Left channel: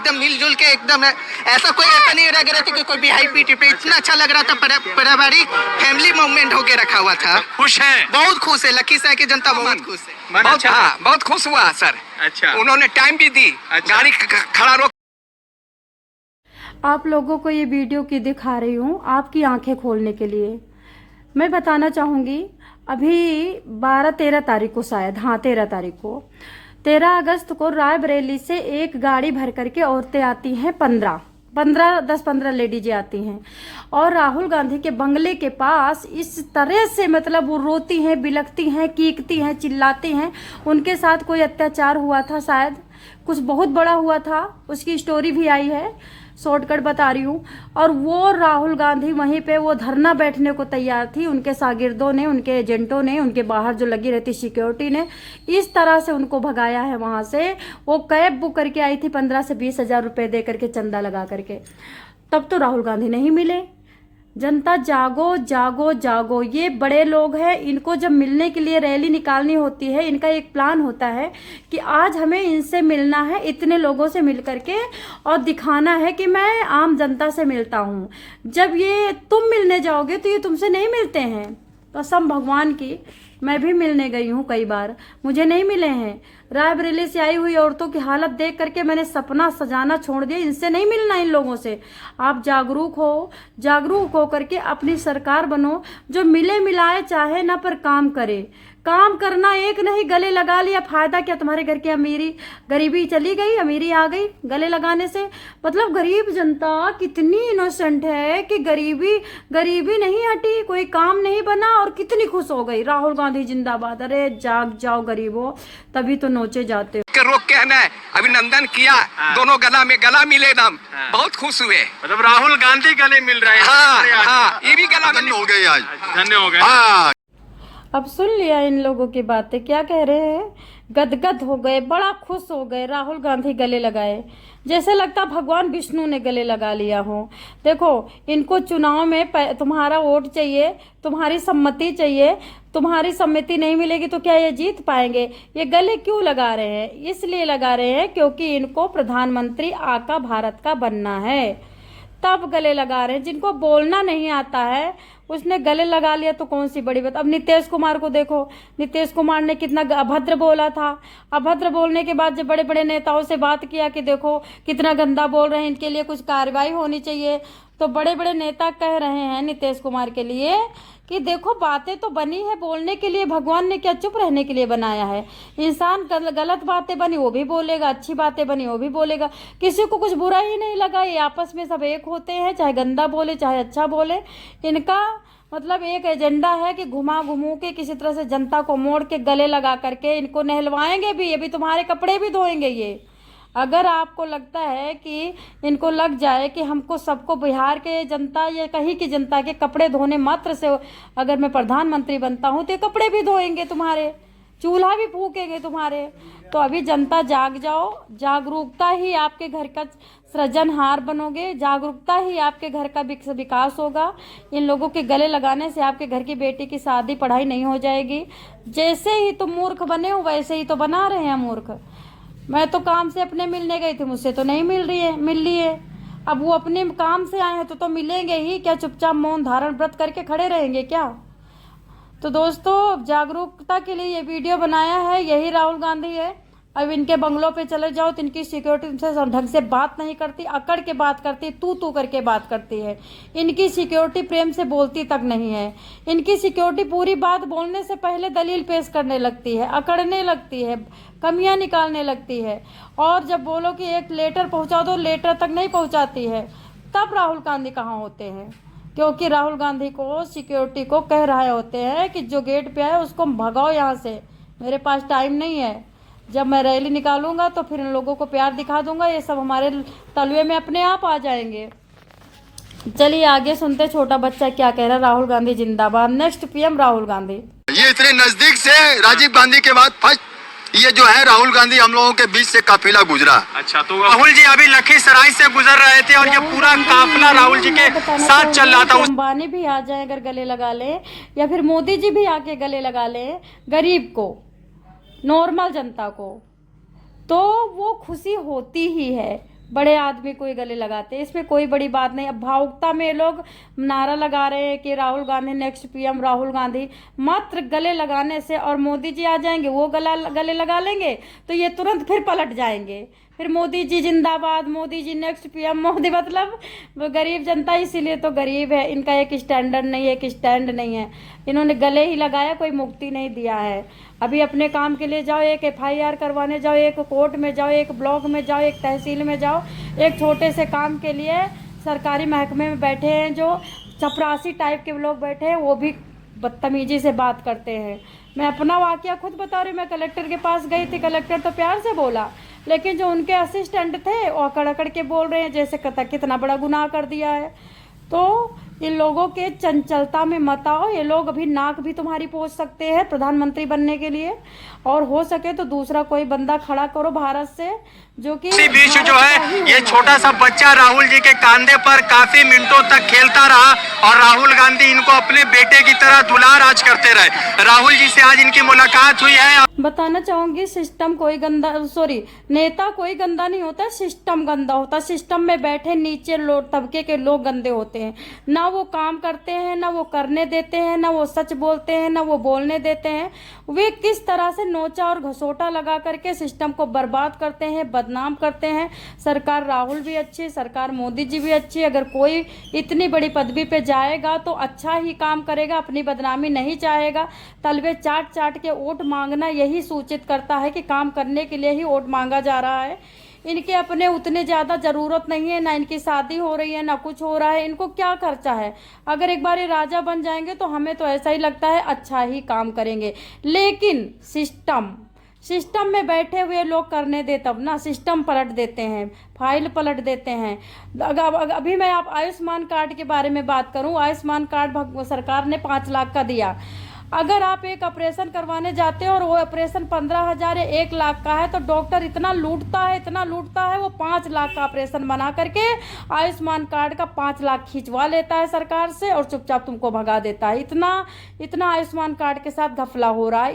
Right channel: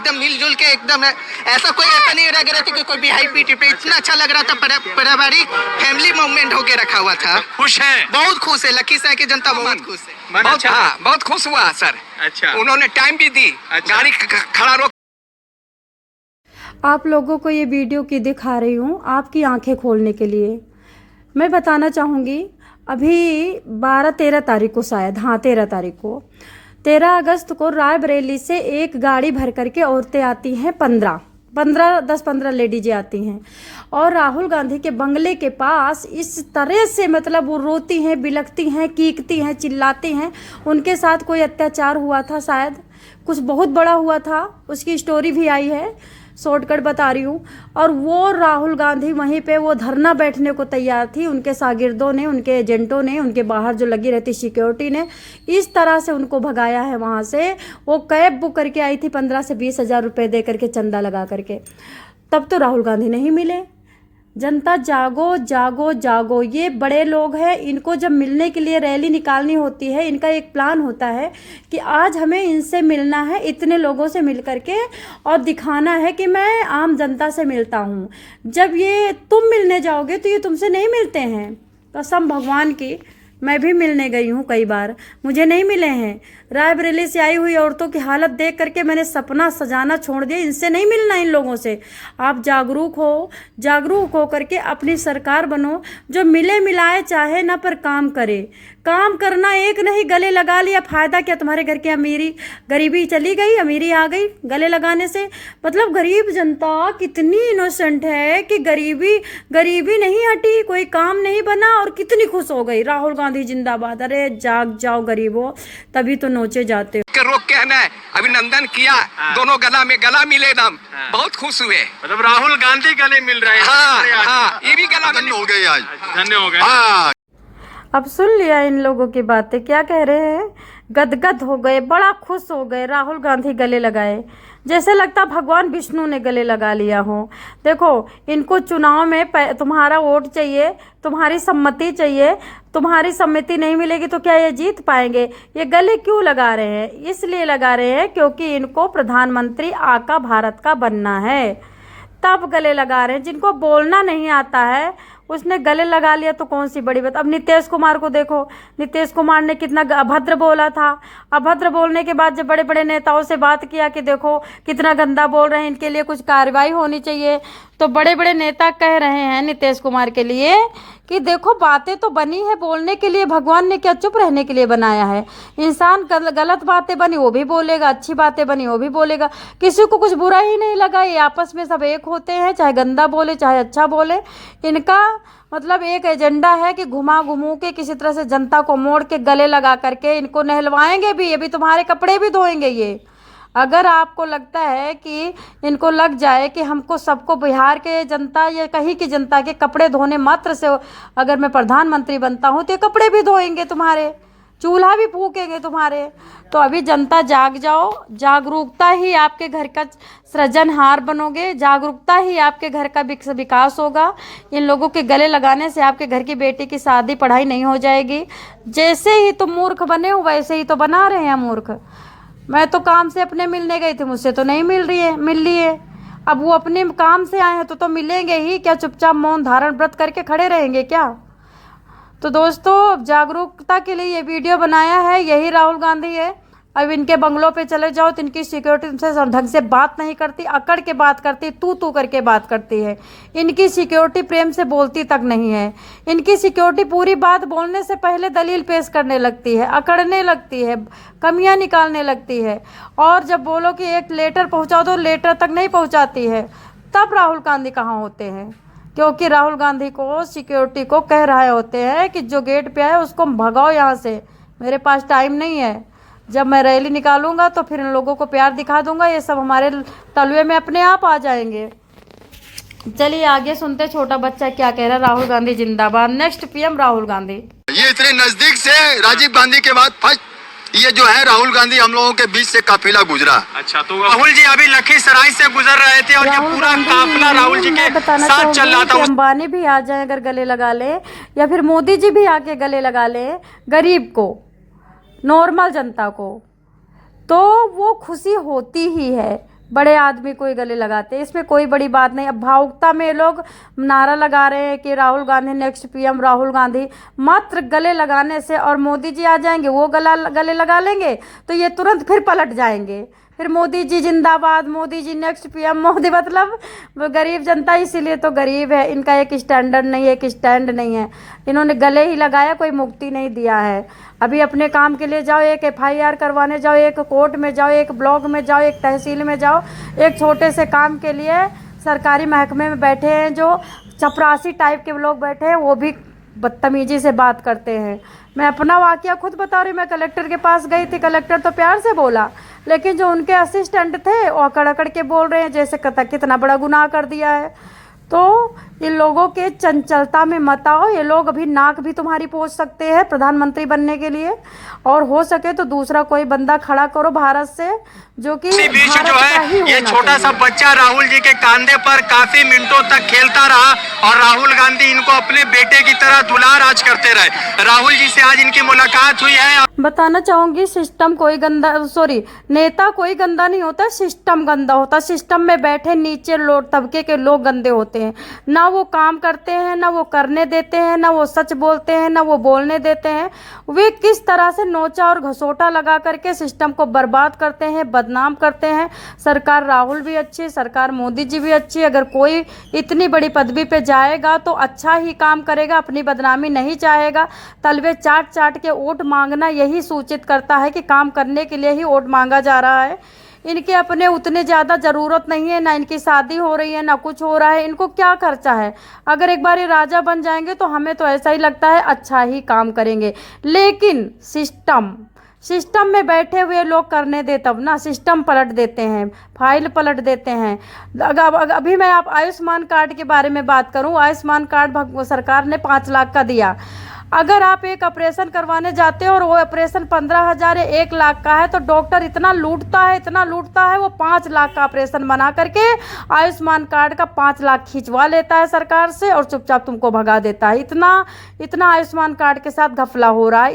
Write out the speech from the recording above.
एकदम मिलजुल के एकदम ऐसा कोई ऐसा नहीं लग रहा था कि कोई भी हाई पीटी पे इतना अच्छा लग रहा था। पारिवारिक फैमिली मूवमेंट होके रखा हुआ था। खुश है, बहुत खुश है। लखीसराय की जनता बहुत खुश है। बहुत अच्छा, बहुत खुश हुआ सर। अच्छा, उन्होंने टाइम भी दी, अच्छा। गाड़ी खड़ा रोक। आप लोगों को ये वीडियो की दिखा रही हूँ आपकी आंखें खोलने के लिए। मैं बताना चाहूँगी अभी 12-13 तारीख को, शायद हाँ 13 तारीख को, 13 अगस्त को रायबरेली से एक गाड़ी भर करके औरतें आती हैं। 10-15 लेडीजें आती हैं और राहुल गांधी के बंगले के पास इस तरह से मतलब वो रोती हैं, बिलखती हैं, कीकती हैं, चिल्लाती हैं। उनके साथ कोई अत्याचार हुआ था, शायद कुछ बहुत बड़ा हुआ था, उसकी स्टोरी भी आई है, शॉर्टकट बता रही हूँ। और वो राहुल गांधी वहीं पे वो धरना बैठने को तैयार थी। उनके शागिर्दों ने, उनके एजेंटों ने, उनके बाहर जो लगी रहती सिक्योरिटी ने इस तरह से उनको भगाया है वहाँ से। वो कैब बुक करके आई थी 15 से 20 हज़ार रुपये दे करके, चंदा लगा करके। तब तो राहुल गांधी नहीं मिले। जनता जागो जागो जागो, ये बड़े लोग हैं, इनको जब मिलने के लिए रैली निकालनी होती है, इनका एक प्लान होता है कि आज हमें इनसे मिलना है, इतने लोगों से मिल करके और दिखाना है कि मैं आम जनता से मिलता हूँ। जब ये तुम मिलने जाओगे तो ये तुमसे नहीं मिलते हैं। कसम भगवान की, मैं भी मिलने गई हूँ कई बार, मुझे नहीं मिले हैं। रायबरेली से आई हुई औरतों की हालत देख करके मैंने सपना सजाना छोड़ दिया। इनसे नहीं मिलना, इन लोगों से। आप जागरूक हो करके अपनी सरकार बनो जो मिले मिलाए चाहे ना, पर काम करे। काम करना एक नहीं, गले लगा लिया, फायदा क्या? तुम्हारे घर की गरीबी चली गई, अमीरी आ गई गले लगाने से। मतलब गरीब जनता कितनी इनोसेंट है कि गरीबी नहीं हटी, कोई काम नहीं बना और कितनी खुश हो गई। राहुल गांधी जिंदाबाद। अरे जाग जाओ गरीबों, तभी तो नोचे जाते हो। रोक के है अभिनंदन किया। दोनों गला में गला मिले ना, बहुत खुश हुए। मतलब राहुल गांधी गले मिल रहे हैं। हाँ, ये भी गला में हो गए आज, धन्य हो गए। अब सुन लिया इन लोगों की बातें, क्या कह रहे हैं? गदगद हो गए, बड़ा खुश हो गए। राहुल गांधी गले लगाए, जैसे लगता भगवान विष्णु ने गले लगा लिया हो। देखो, इनको चुनाव में तुम्हारा वोट चाहिए, तुम्हारी सम्मति चाहिए। तुम्हारी सम्मति नहीं मिलेगी तो क्या ये जीत पाएंगे? ये गले क्यों लगा रहे हैं? इसलिए लगा रहे हैं क्योंकि इनको प्रधानमंत्री आका भारत का बनना है, तब गले लगा रहे हैं। जिनको बोलना नहीं आता है उसने गले लगा लिया तो कौन सी बड़ी बात। अब नीतीश कुमार को देखो, नीतीश कुमार ने कितना अभद्र बोला था। अभद्र बोलने के बाद जब बड़े बड़े नेताओं से बात किया कि देखो कितना गंदा बोल रहे हैं, इनके लिए कुछ कार्रवाई होनी चाहिए, तो बड़े बड़े नेता कह रहे हैं नीतीश कुमार के लिए कि देखो बातें तो बनी है बोलने के लिए, भगवान ने क्या चुप रहने के लिए बनाया है? इंसान गलत बातें बनी वो भी बोलेगा, अच्छी बातें बनी वो भी बोलेगा, किसी को कुछ बुरा ही नहीं लगा। ये आपस में सब एक होते हैं, चाहे गंदा बोले चाहे अच्छा बोले। इनका मतलब एक एजेंडा है कि घुमा घुमू के किसी तरह से जनता को मोड़ के गले लगा करके इनको नहलवाएंगे भी, अभी तुम्हारे कपड़े भी धोएंगे ये। अगर आपको लगता है कि इनको लग जाए कि हमको सबको, बिहार के जनता या कहीं की जनता के कपड़े धोने मात्र से अगर मैं प्रधानमंत्री बनता हूँ तो ये कपड़े भी धोएंगे तुम्हारे, चूल्हा भी फूकेंगे तुम्हारे। तो अभी जनता जाग जाओ, जागरूकता ही आपके घर का सृजनहार बनोगे, जागरूकता ही आपके घर का विकास होगा। इन लोगों के गले लगाने से आपके घर की बेटी की शादी पढ़ाई नहीं हो जाएगी। जैसे ही तुम मूर्ख बने हो वैसे ही तो बना रहे हैं मूर्ख। मैं तो काम से अपने मिलने गई थी, मुझसे तो नहीं मिल रही है। अब वो अपने काम से आए हैं तो मिलेंगे ही क्या? चुपचाप मौन धारण व्रत करके खड़े रहेंगे क्या? तो दोस्तों, जागरूकता के लिए ये वीडियो बनाया है, यही राहुल गांधी है। अब इनके बंगलों पे चले जाओ तो इनकी सिक्योरिटी से ढंग से बात नहीं करती, अकड़ के बात करती, तू करके बात करती है। इनकी सिक्योरिटी प्रेम से बोलती तक नहीं है। इनकी सिक्योरिटी पूरी बात बोलने से पहले दलील पेश करने लगती है, अकड़ने लगती है, कमियां निकालने लगती है। और जब बोलो कि एक लेटर पहुंचाओ तो लेटर तक नहीं पहुंचाती है। तब राहुल गांधी कहाँ होते हैं? क्योंकि राहुल गांधी को सिक्योरिटी को कह रहे होते हैं कि जो गेट पे आए उसको भगाओ यहाँ से, मेरे पास टाइम नहीं है। जब मैं रैली निकालूंगा तो फिर इन लोगों को प्यार दिखा दूंगा, ये सब हमारे तलवे में अपने आप आ जाएंगे। चलिए आगे सुनते छोटा बच्चा क्या कह रहा है। राहुल गांधी जिंदाबाद, नेक्स्ट पीएम राहुल गांधी। ये इतने नजदीक से राजीव गांधी के बाद फर्स्ट ये जो है राहुल गांधी हम लोगों के बीच से काफिला गुजरा। अच्छा, तो राहुल जी अभी लखीसराय से गुजर रहे थे और ये पूरा काफिला राहुल जी के साथ चल रहा था। अंबानी भी आ जाए अगर गले लगा ले, या फिर मोदी जी भी आके गले लगा ले गरीब को, नॉर्मल जनता को, तो वो खुशी होती ही है। बड़े आदमी को ही गले लगाते हैं, इसमें कोई बड़ी बात नहीं। अब भावुकता में लोग नारा लगा रहे हैं कि राहुल गांधी नेक्स्ट पीएम, राहुल गांधी। मात्र गले लगाने से, और मोदी जी आ जाएंगे, वो गले लगा लेंगे तो ये तुरंत फिर पलट जाएंगे, फिर मोदी जी जिंदाबाद, मोदी जी नेक्स्ट पीएम। मोदी मतलब गरीब जनता, इसीलिए तो गरीब है। इनका एक स्टैंडर्ड नहीं है, एक स्टैंड नहीं है। इन्होंने गले ही लगाया, कोई मुक्ति नहीं दिया है। अभी अपने काम के लिए जाओ, एक FIR करवाने जाओ, एक कोर्ट में जाओ, एक ब्लॉक में जाओ, एक तहसील में जाओ, एक छोटे से काम के लिए सरकारी महकमे में बैठे हैं जो चपरासी टाइप के लोग बैठे हैं, वो भी बदतमीजी से बात करते हैं। मैं अपना वाकया खुद बता रही हूँ। मैं कलेक्टर के पास गई थी, कलेक्टर तो प्यार से बोला, लेकिन जो उनके असिस्टेंट थे वो अकड़ अकड़ के बोल रहे हैं जैसे कितना बड़ा गुनाह कर दिया है। तो इन लोगों के चंचलता में मत आओ। ये लोग अभी नाक भी तुम्हारी पोंछ सकते हैं प्रधानमंत्री बनने के लिए, और हो सके तो दूसरा कोई बंदा खड़ा करो भारत से जो कि इसी बीच जो है ये छोटा सा बच्चा राहुल जी के कंधे पर काफी मिनटों तक खेलता रहा और राहुल गांधी इनको अपने बेटे की तरह दुलार आज करते रहे। राहुल जी से आज इनकी मुलाकात हुई है। बताना चाहूंगी, सिस्टम कोई गंदा, सॉरी, नेता कोई गंदा नहीं होता, सिस्टम गंदा होता। सिस्टम में बैठे नीचे लोग, तबके के लोग गंदे होते हैं। ना वो काम करते हैं, ना वो करने देते हैं, ना वो सच बोलते हैं, ना वो बोलने देते हैं। वे किस तरह से नोचा और घसोटा लगा करके सिस्टम को बर्बाद करते हैं, बदनाम करते हैं। सरकार राहुल भी अच्छी, सरकार मोदी जी भी अच्छी। अगर कोई इतनी बड़ी पदवी पे जाएगा तो अच्छा ही काम करेगा, अपनी बदनामी नहीं चाहेगा। तलवे चाट चाट के वोट मांगना यही सूचित करता है कि काम करने के लिए ही वोट मांगा जा रहा है। इनके अपने उतने ज़्यादा ज़रूरत नहीं है, ना इनकी शादी हो रही है, ना कुछ हो रहा है। इनको क्या खर्चा है? अगर एक बार ये राजा बन जाएंगे तो हमें तो ऐसा ही लगता है अच्छा ही काम करेंगे। लेकिन सिस्टम में बैठे हुए लोग करने दे, तब ना सिस्टम पलट देते हैं, फाइल पलट देते हैं। अभी मैं आप आयुष्मान कार्ड के बारे में बात करूं, आयुष्मान कार्ड सरकार ने 5 लाख का दिया। अगर आप एक ऑपरेशन करवाने जाते हो और वो ऑपरेशन 15,000 या 1 लाख का है तो डॉक्टर इतना लूटता है वो 5 लाख का ऑपरेशन बना करके आयुष्मान कार्ड का 5 लाख खिंचवा लेता है सरकार से और चुपचाप तुमको भगा देता है। इतना आयुष्मान कार्ड के साथ घपला हो रहा है।